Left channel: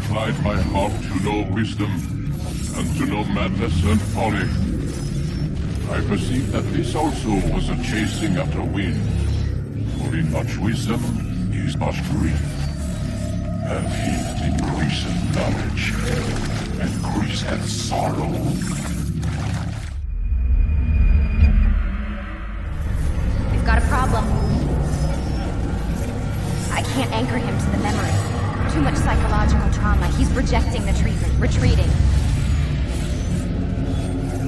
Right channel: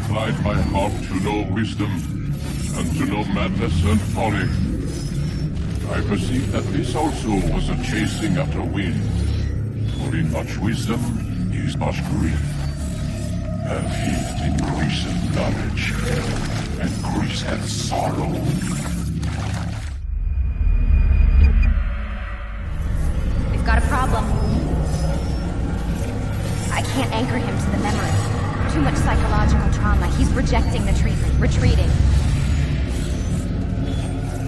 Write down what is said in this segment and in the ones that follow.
inclined my heart to know wisdom, and to know madness and folly. I perceive that this also was a chasing after wind. For in much wisdom is much grief. And he that increaseth knowledge increaseth sorrow. We've got a problem. I can't anchor him to the memory. Too much psychological trauma. He's rejecting the treatment, retreating.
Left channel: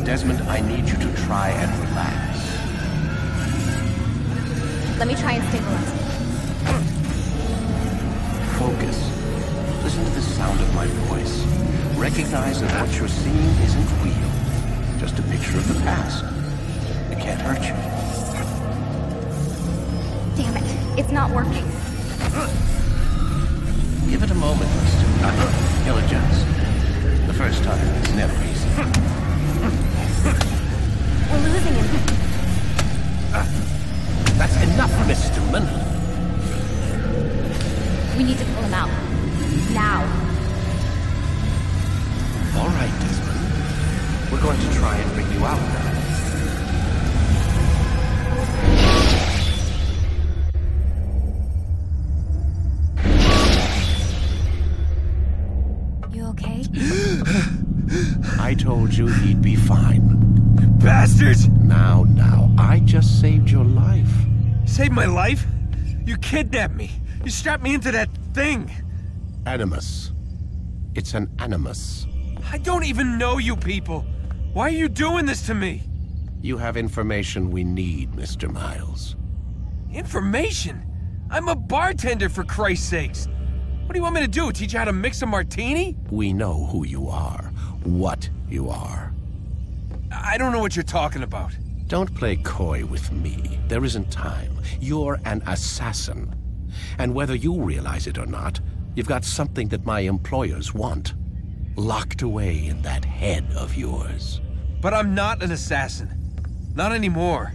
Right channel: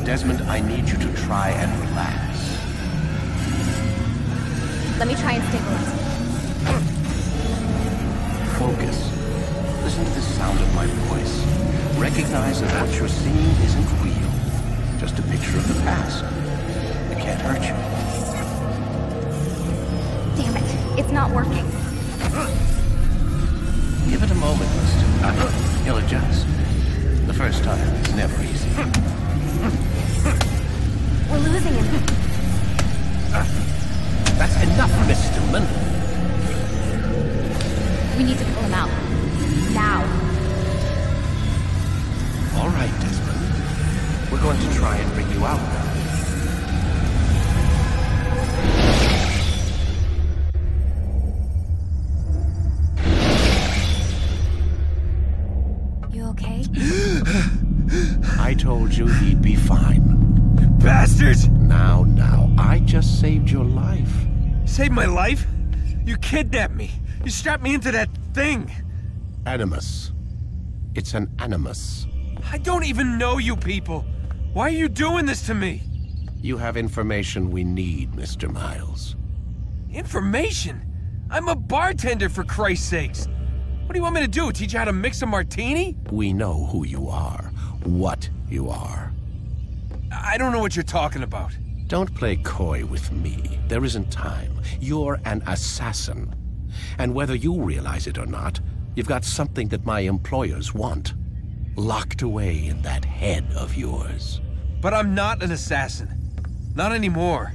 Desmond, I need you to try and relax. Let me try and stabilize him. Focus. Listen to the sound of my voice. Recognize that what you're seeing isn't real. Just a picture of the past. It can't hurt you. Damn it. It's not working. Give it a moment, Mr. He'll adjust. The first time is never easy. We're losing him. That's enough, Miss Stillman. We need to pull him out. Now. All right, Desmond. We're going to try and bring you out now. You okay? I told you he'd be fine. Bastards! Now, I just saved your life. Saved my life? You kidnapped me. You strapped me into that thing. Animus. It's an animus. I don't even know you people. Why are you doing this to me? You have information we need, Mr. Miles. Information? I'm a bartender, for Christ's sakes. What do you want me to do? Teach you how to mix a martini? We know who you are, what you are. I don't know what you're talking about. Don't play coy with me. There isn't time. You're an assassin. And whether you realize it or not, you've got something that my employers want. Locked away in that head of yours. But I'm not an assassin. Not anymore.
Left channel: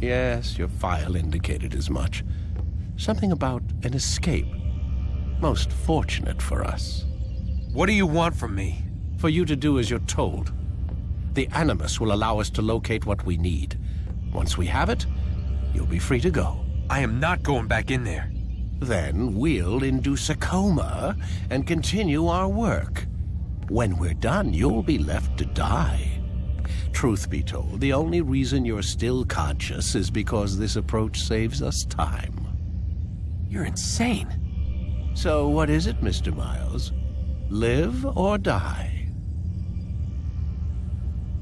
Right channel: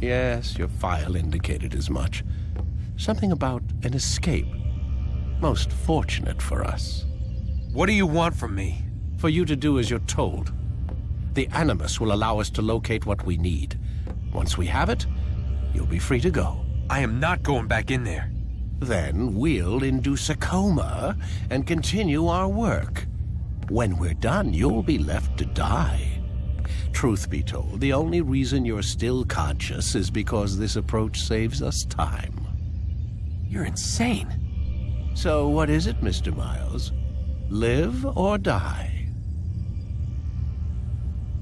Yes, your file indicated as much. Something about an escape. Most fortunate for us. What do you want from me? For you to do as you're told. The Animus will allow us to locate what we need. Once we have it, you'll be free to go. I am not going back in there. Then we'll induce a coma and continue our work. When we're done, you'll be left to die. Truth be told, the only reason you're still conscious is because this approach saves us time. You're insane. So what is it, Mr. Miles? Live or die?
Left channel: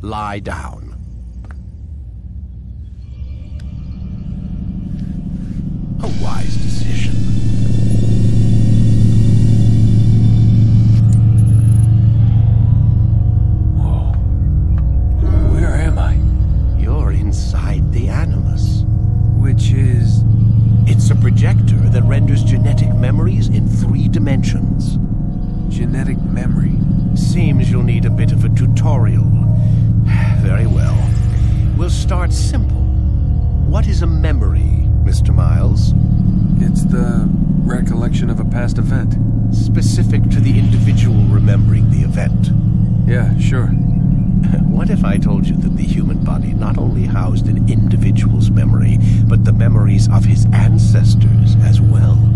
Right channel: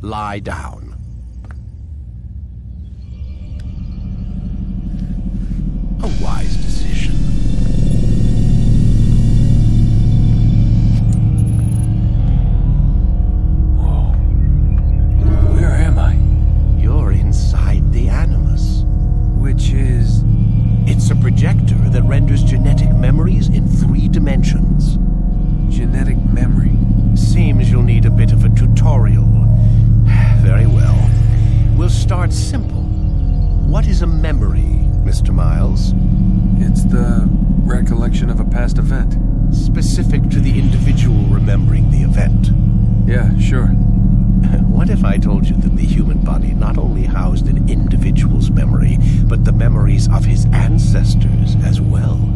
Lie down. A wise decision. Whoa. Where am I? You're inside the Animus. Which is... It's a projector that renders genetic memories in 3 dimensions. Genetic memory. Seems you'll need a bit of a tutorial. Very well. We'll start simple. What is a memory, Mr. Miles? It's the recollection of a past event. Specific to the individual remembering the event. Yeah, sure. What if I told you that the human body not only housed an individual's memory, but the memories of his ancestors as well?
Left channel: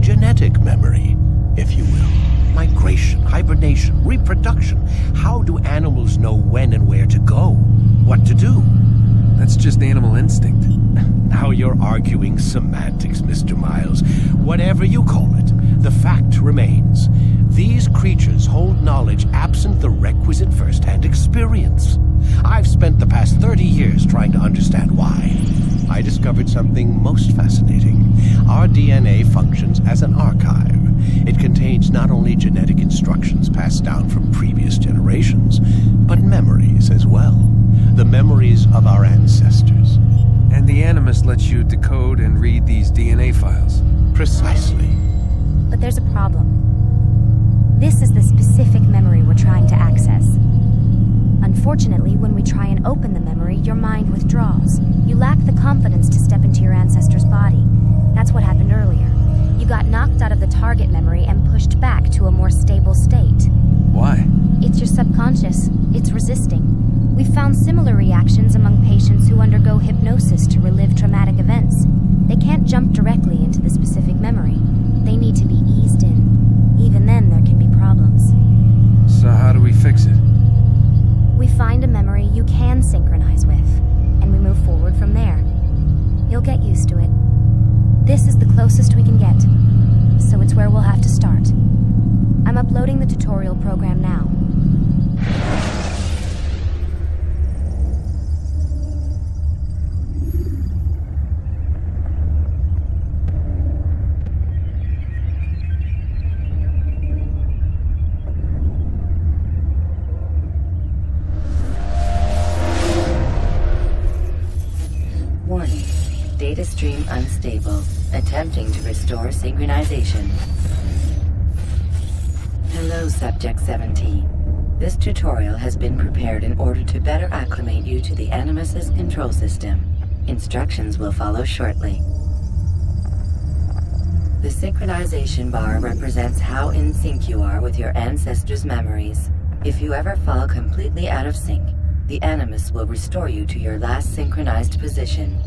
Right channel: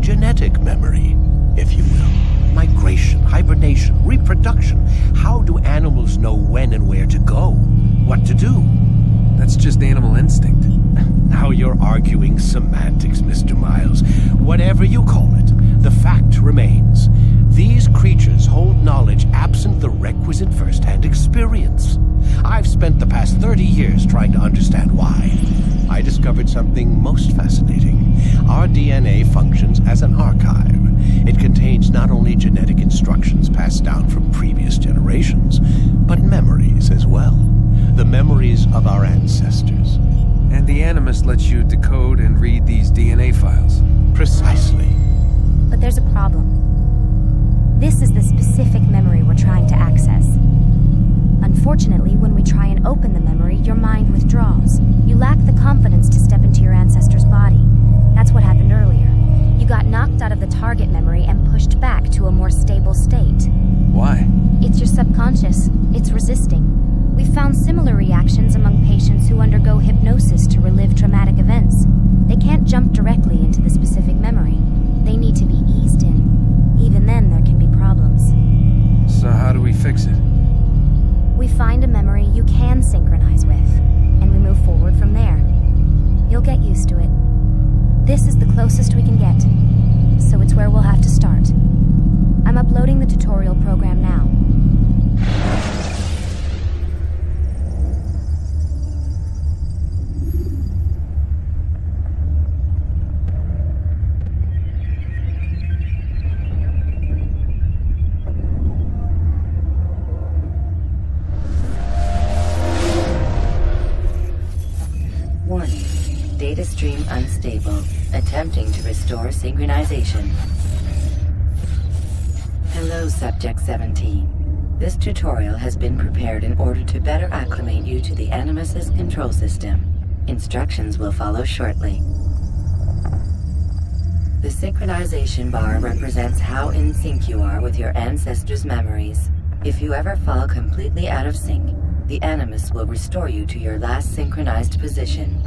Genetic memory, if you will. Migration, hibernation, reproduction. How do animals know when and where to go? What to do? That's just animal instinct. Now you're arguing semantics, Mr. Miles. Whatever you call it, the fact remains. These creatures hold knowledge absent the requisite first-hand experience. I've spent the past 30 years trying to understand why. I discovered something most fascinating. Our DNA functions as an archive. It contains not only genetic instructions passed down from previous generations, but memories as well. The memories of our ancestors. And the Animus lets you decode and read these DNA files. Precisely. But there's a problem. This is the specific memory we're trying to access. Unfortunately, when we try and open the memory, your mind withdraws. You lack the confidence to step into your ancestor's body. That's what happened earlier. You got knocked out of the target memory and pushed back to a more stable state. Why? It's your subconscious. It's resisting. We've found similar reactions among patients who undergo hypnosis to relive traumatic events. They can't jump directly into the specific memory. They need to be eased in. Even then, there can be problems. So how do we fix it? We find a memory you can synchronize with, and we move forward from there. You'll get used to it. This is the closest we can get, so it's where we'll have to start. I'm uploading the tutorial program now. Warning. Data stream unstable. Attempting to restore synchronization. Hello, Subject 17. This tutorial has been prepared in order to better acclimate you to the Animus's control system. Instructions will follow shortly. The synchronization bar represents how in sync you are with your ancestors' memories. If you ever fall completely out of sync, the Animus will restore you to your last synchronized position.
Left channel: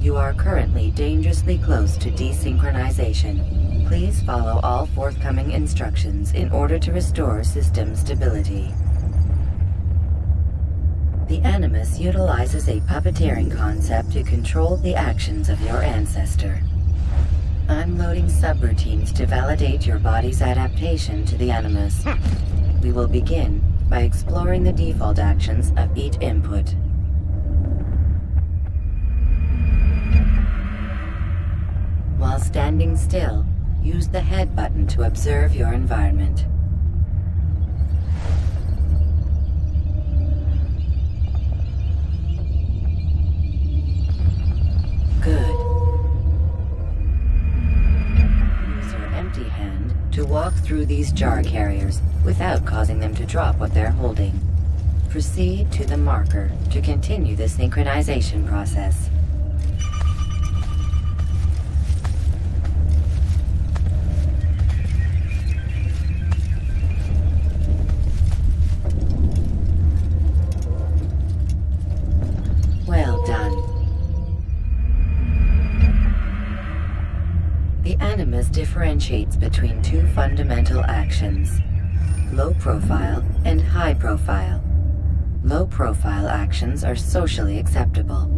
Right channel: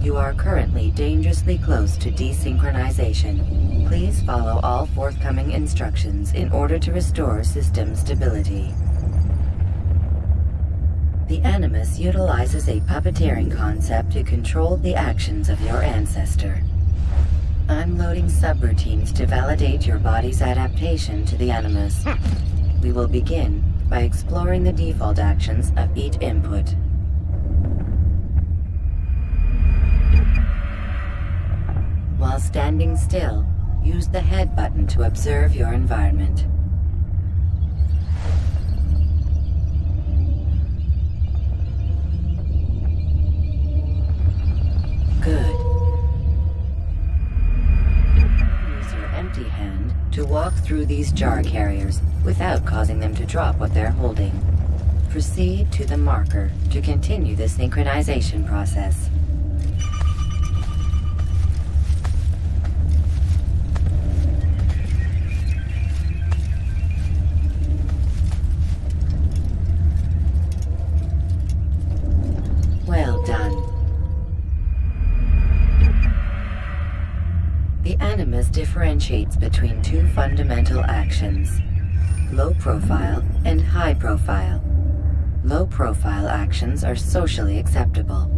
You are currently dangerously close to desynchronization. Please follow all forthcoming instructions in order to restore system stability. The Animus utilizes a puppeteering concept to control the actions of your ancestor. I'm loading subroutines to validate your body's adaptation to the Animus. We will begin by exploring the default actions of each input. While standing still, use the head button to observe your environment. Good. Use your empty hand to walk through these jar carriers without causing them to drop what they're holding. Proceed to the marker to continue the synchronization process. Well done. The Animus differentiates between two fundamental actions: low profile and high profile. Low profile actions are socially acceptable.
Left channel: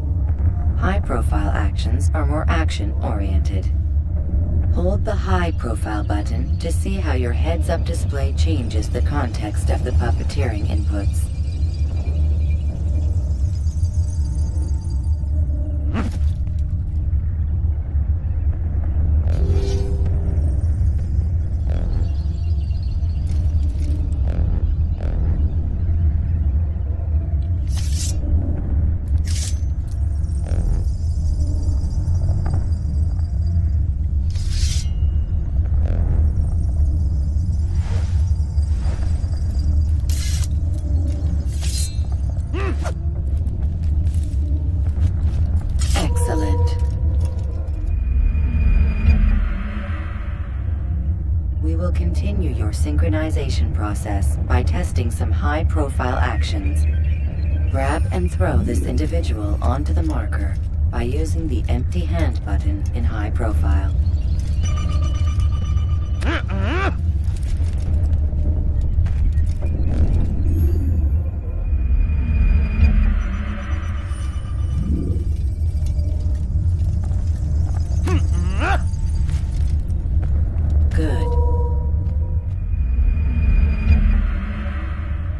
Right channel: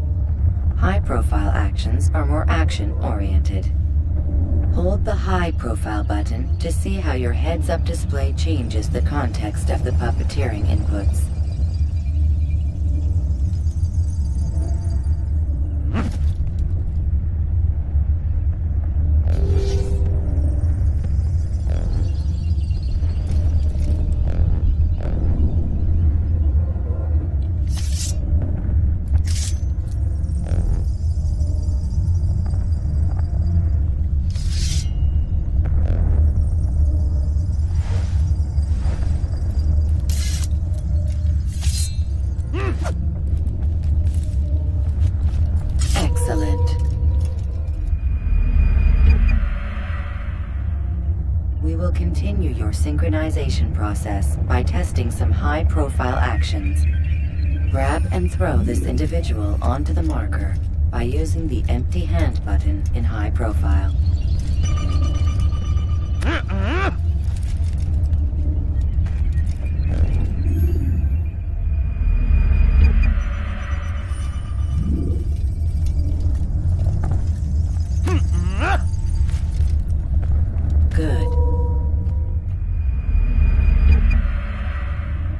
High profile actions are more action-oriented. Hold the high profile button to see how your heads-up display changes the context of the puppeteering inputs. Excellent. We will continue your synchronization process by testing some high-profile actions. Grab and throw this individual onto the marker by using the empty hand button in high profile. Good.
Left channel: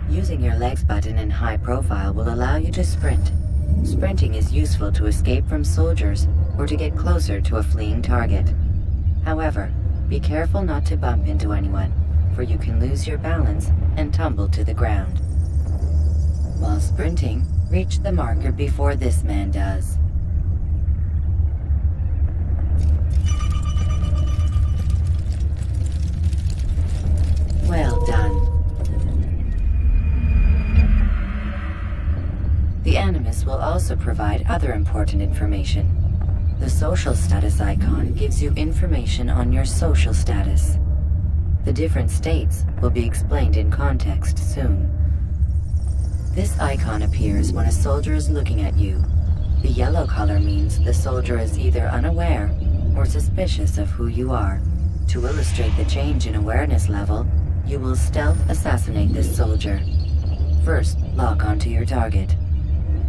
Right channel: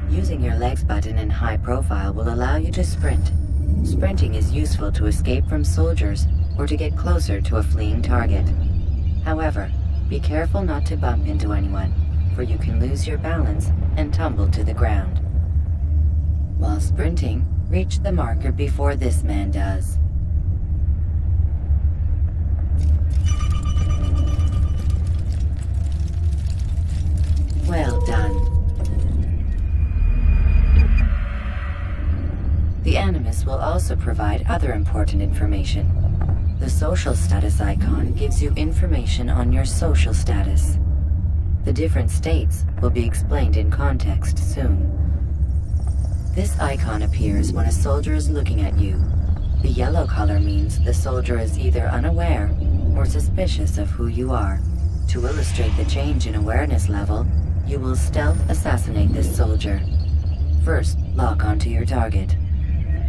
Using your legs button in high profile will allow you to sprint. Sprinting is useful to escape from soldiers or to get closer to a fleeing target. However, be careful not to bump into anyone, for you can lose your balance and tumble to the ground. While sprinting, reach the marker before this man does. Well done. The Animus will also provide other important information. The social status icon gives you information on your social status. The different states will be explained in context soon. This icon appears when a soldier is looking at you. The yellow color means the soldier is either unaware or suspicious of who you are. To illustrate the change in awareness level, you will stealth assassinate this soldier. First, lock onto your target.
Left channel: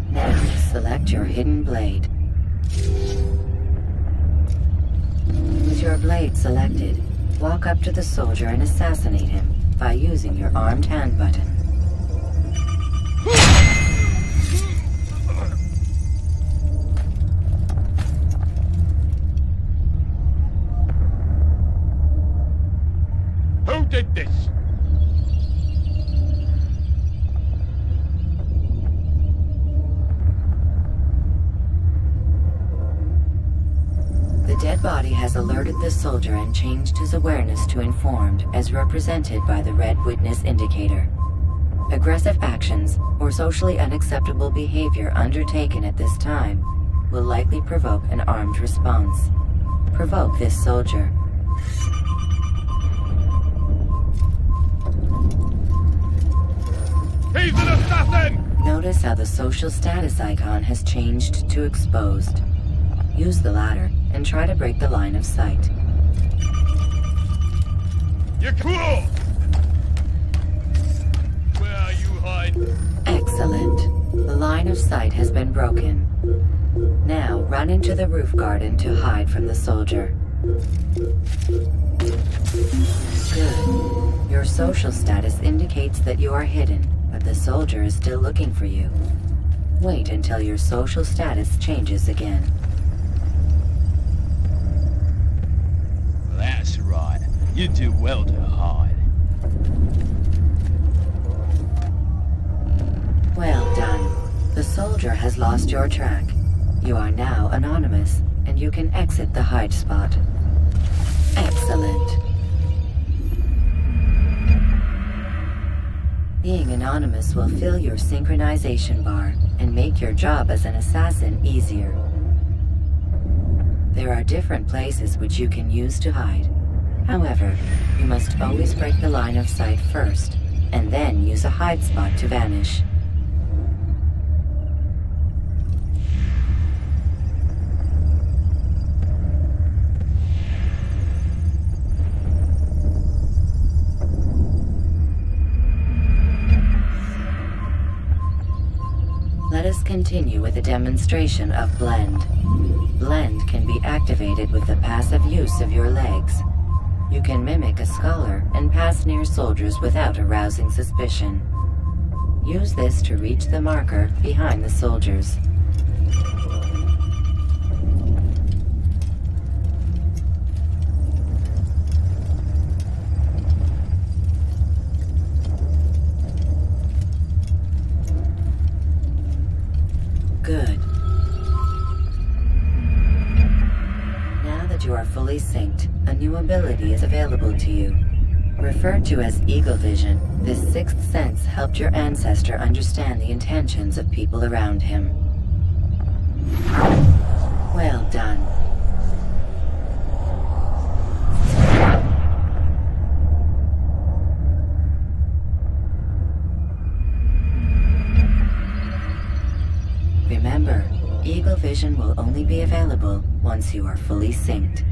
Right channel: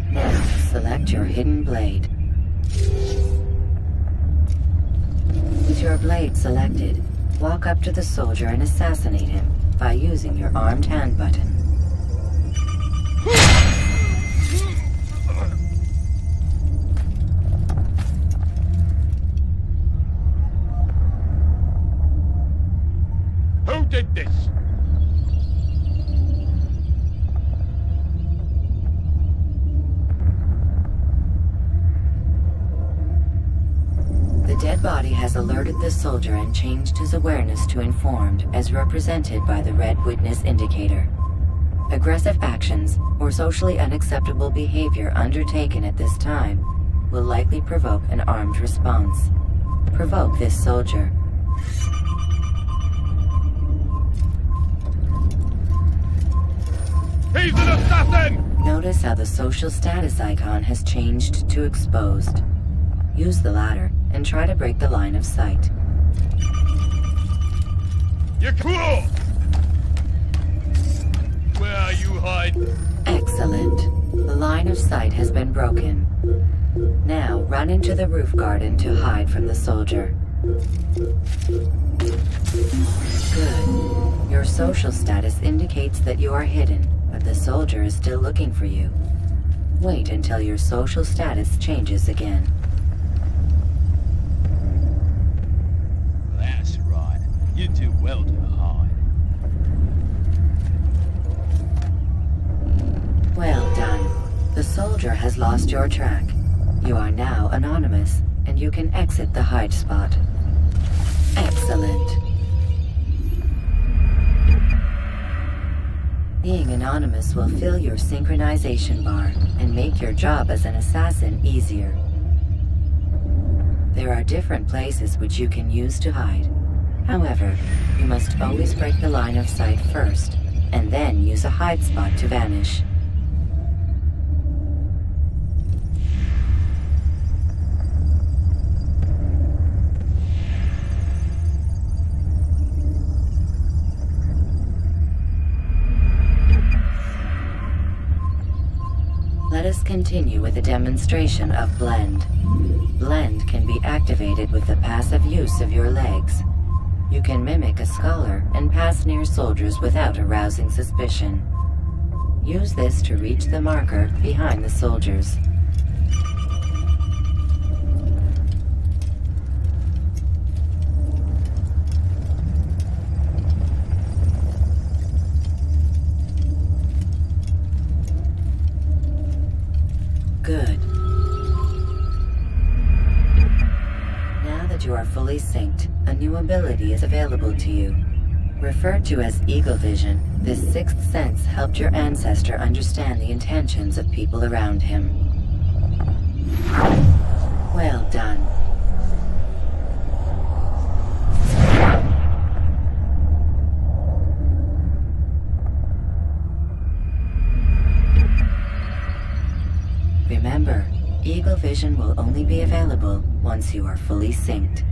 Now, select your hidden blade. With your blade selected, walk up to the soldier and assassinate him by using your armed hand button. Who did this? The dead body has alerted the soldier and changed his awareness to informed, as represented by the red witness indicator. Aggressive actions or socially unacceptable behavior undertaken at this time will likely provoke an armed response. Provoke this soldier. He's an assassin! Notice how the social status icon has changed to exposed. Use the ladder and try to break the line of sight. You're cool! Where are you hiding? Excellent. The line of sight has been broken. Now run into the roof garden to hide from the soldier. Good. Your social status indicates that you are hidden, but the soldier is still looking for you. Wait until your social status changes again. That's right. You do well to hide. Well done. The soldier has lost your track. You are now anonymous, and you can exit the hide spot. Excellent. Being anonymous will fill your synchronization bar and make your job as an assassin easier. There are different places which you can use to hide. However, you must always break the line of sight first, and then use a hide spot to vanish. Let us continue with a demonstration of Blend. Blend can be activated with the passive use of your legs. You can mimic a scholar and pass near soldiers without arousing suspicion. Use this to reach the marker behind the soldiers. Good. Now that you are fully synced, a new ability is available to you. Referred to as Eagle Vision, this sixth sense helped your ancestor understand the intentions of people around him. Well done. Remember, Eagle Vision will only be available once you are fully synced.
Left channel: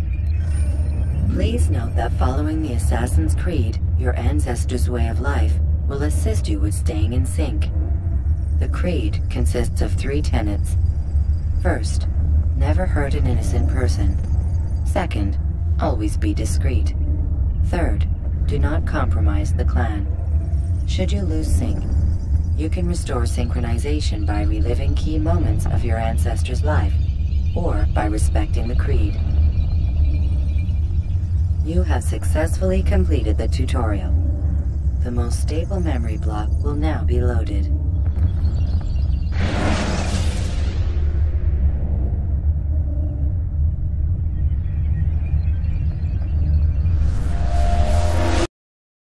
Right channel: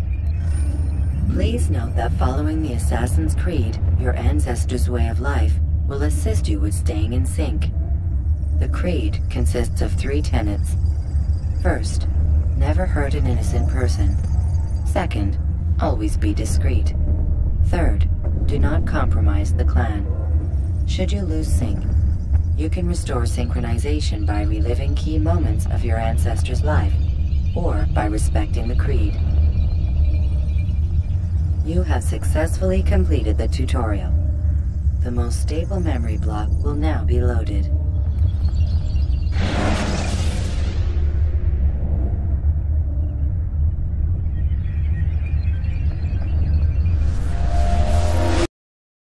Please note that following the Assassin's Creed, your ancestors' way of life will assist you with staying in sync. The Creed consists of 3 tenets. First, never hurt an innocent person. Second, always be discreet. Third, do not compromise the clan. Should you lose sync, you can restore synchronization by reliving key moments of your ancestor's life, or by respecting the Creed. You have successfully completed the tutorial. The most stable memory block will now be loaded.